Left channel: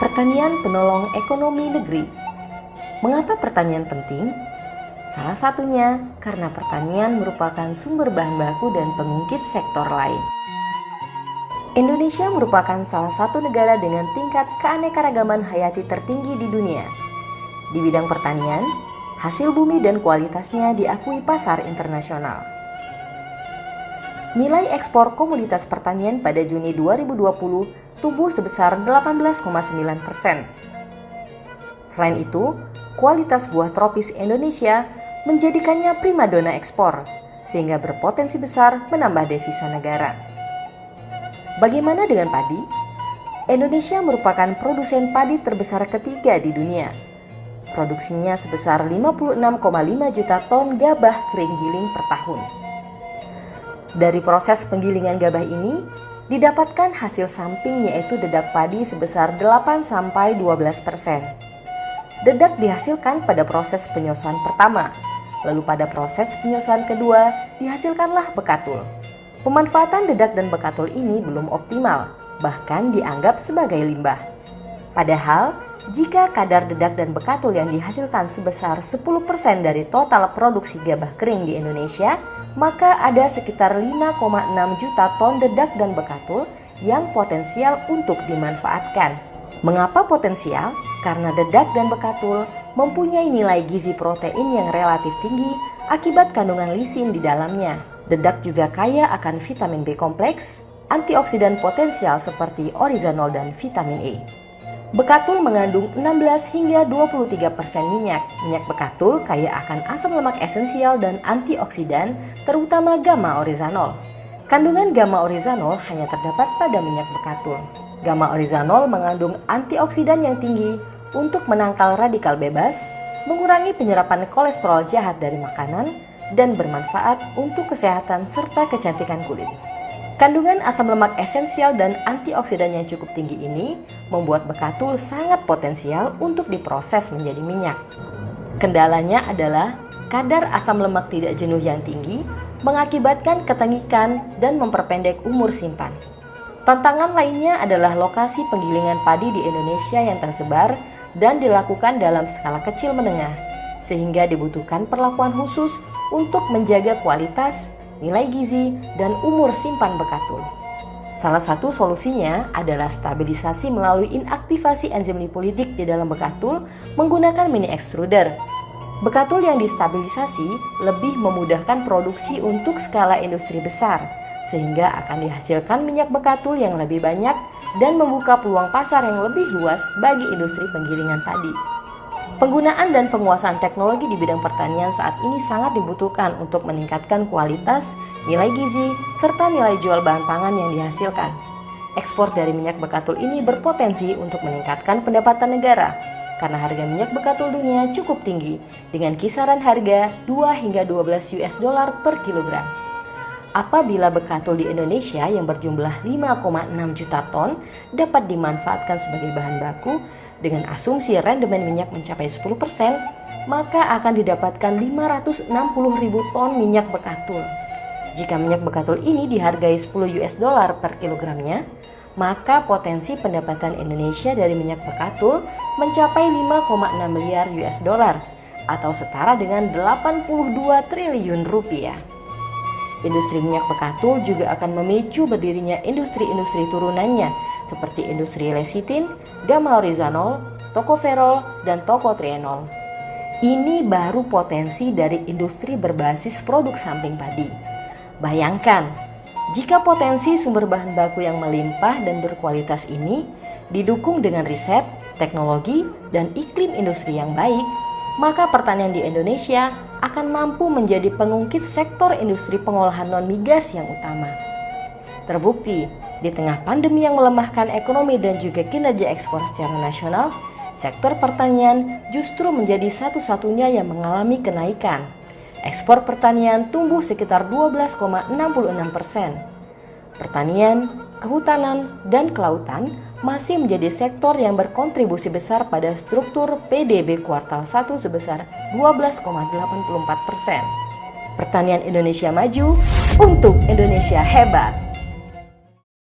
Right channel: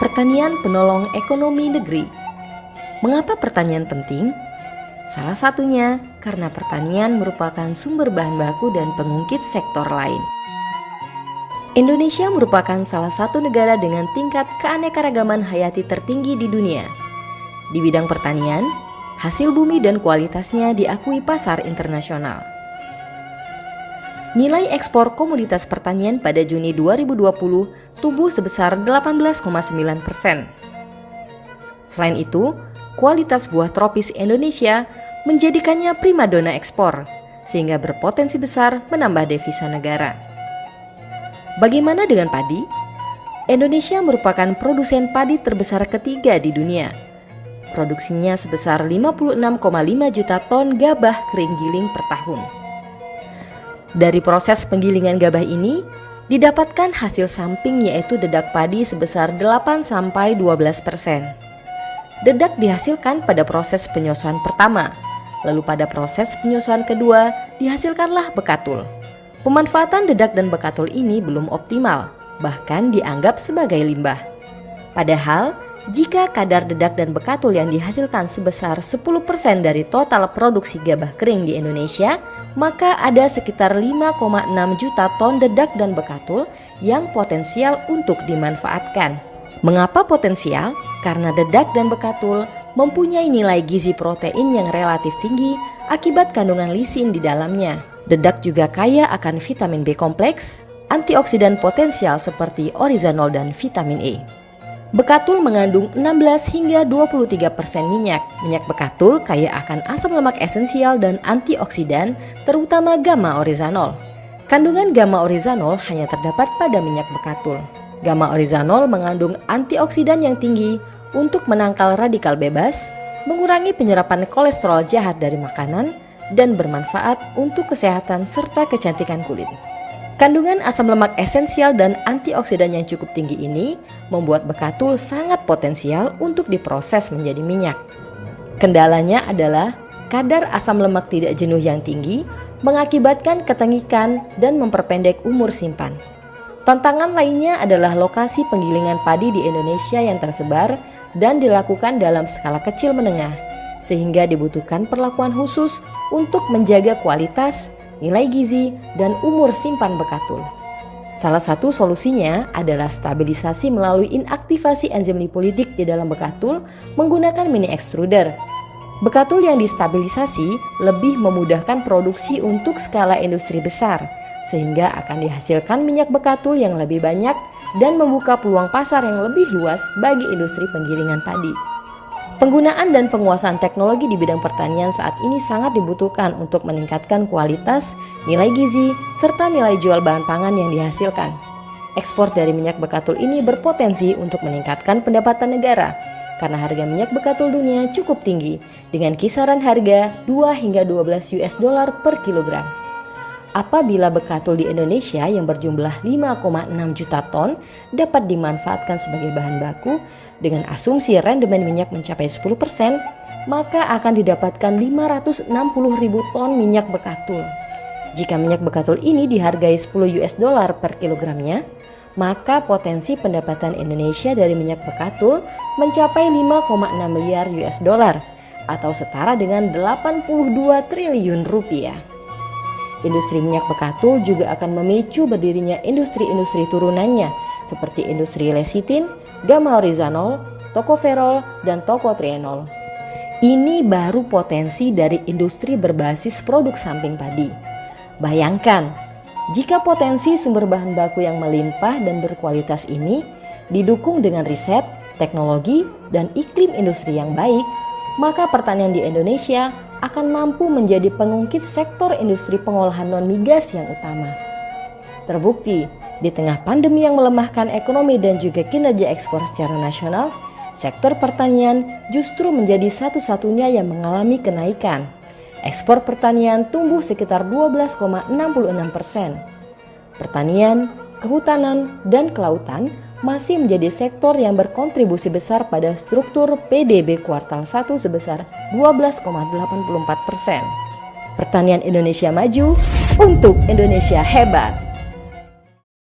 Pertanian penolong ekonomi negeri. Mengapa pertanian penting? Salah satunya karena pertanian merupakan sumber bahan baku dan pengungkit sektor lain. Indonesia merupakan salah satu negara dengan tingkat keanekaragaman hayati tertinggi di dunia. Di bidang pertanian, hasil bumi dan kualitasnya diakui pasar internasional. Nilai ekspor komoditas pertanian pada Juni 2020 tumbuh sebesar 18,9%. Selain itu, kualitas buah tropis Indonesia menjadikannya primadona ekspor, sehingga berpotensi besar menambah devisa negara. Bagaimana dengan padi? Indonesia merupakan produsen padi terbesar ketiga di dunia. Produksinya sebesar 56,5 juta ton gabah kering giling per tahun. Dari proses penggilingan gabah ini, didapatkan hasil samping yaitu dedak padi sebesar 8-12%. Dedak dihasilkan pada proses penyusuan pertama, lalu pada proses penyusuan kedua dihasilkanlah bekatul. Pemanfaatan dedak dan bekatul ini belum optimal, bahkan dianggap sebagai limbah. Padahal, jika kadar dedak dan bekatul yang dihasilkan sebesar 10% dari total produksi gabah kering di Indonesia, maka ada sekitar 5,6 juta ton dedak dan bekatul yang potensial untuk dimanfaatkan. Mengapa potensial? Karena dedak dan bekatul mempunyai nilai gizi protein yang relatif tinggi akibat kandungan lisin di dalamnya. Dedak juga kaya akan vitamin B kompleks, antioksidan potensial seperti orizanol dan vitamin E. Bekatul mengandung 16 hingga 23% minyak. Minyak bekatul kaya akan asam lemak esensial dan antioksidan, terutama gamma orizanol. Kandungan gamma orizanol hanya terdapat pada minyak bekatul. Gamma orizanol mengandung antioksidan yang tinggi untuk menangkal radikal bebas, mengurangi penyerapan kolesterol jahat dari makanan, dan bermanfaat untuk kesehatan serta kecantikan kulit. Kandungan asam lemak esensial dan antioksidan yang cukup tinggi ini membuat bekatul sangat potensial untuk diproses menjadi minyak. Kendalanya adalah kadar asam lemak tidak jenuh yang tinggi mengakibatkan ketengikan dan memperpendek umur simpan. Tantangan lainnya adalah lokasi penggilingan padi di Indonesia yang tersebar dan dilakukan dalam skala kecil menengah, sehingga dibutuhkan perlakuan khusus untuk menjaga kualitas, nilai gizi, dan umur simpan bekatul. Salah satu solusinya adalah stabilisasi melalui inaktivasi enzim lipolitik di dalam bekatul menggunakan mini extruder. Bekatul yang distabilisasi lebih memudahkan produksi untuk skala industri besar, sehingga akan dihasilkan minyak bekatul yang lebih banyak dan membuka peluang pasar yang lebih luas bagi industri penggilingan padi. Penggunaan dan penguasaan teknologi di bidang pertanian saat ini sangat dibutuhkan untuk meningkatkan kualitas, nilai gizi, serta nilai jual bahan pangan yang dihasilkan. Ekspor dari minyak bekatul ini berpotensi untuk meningkatkan pendapatan negara, karena harga minyak bekatul dunia cukup tinggi, dengan kisaran harga 2 hingga 12 US dollar per kilogram. Apabila bekatul di Indonesia yang berjumlah 5,6 juta ton dapat dimanfaatkan sebagai bahan baku, dengan asumsi rendemen minyak mencapai 10%, maka akan didapatkan 560.000 ton minyak bekatul. Jika minyak bekatul ini dihargai 10 US dollar per kilogramnya, maka potensi pendapatan Indonesia dari minyak bekatul mencapai 5,6 miliar US dollar atau setara dengan 82 triliun rupiah. Industri minyak bekatul juga akan memicu berdirinya industri-industri turunannya seperti industri lecitin, gamma orizanol, tokoferol, dan tokotrienol. Ini baru potensi dari industri berbasis produk samping padi. Bayangkan, jika potensi sumber bahan baku yang melimpah dan berkualitas ini didukung dengan riset, teknologi, dan iklim industri yang baik, maka pertanian di Indonesia akan mampu menjadi pengungkit sektor industri pengolahan non-migas yang utama. Terbukti, di tengah pandemi yang melemahkan ekonomi dan juga kinerja ekspor secara nasional, sektor pertanian justru menjadi satu-satunya yang mengalami kenaikan. Ekspor pertanian tumbuh sekitar 12,66%. Pertanian, kehutanan, dan kelautan masih menjadi sektor yang berkontribusi besar pada struktur PDB kuartal 1 sebesar 12,84%. Pertanian Indonesia maju untuk Indonesia hebat.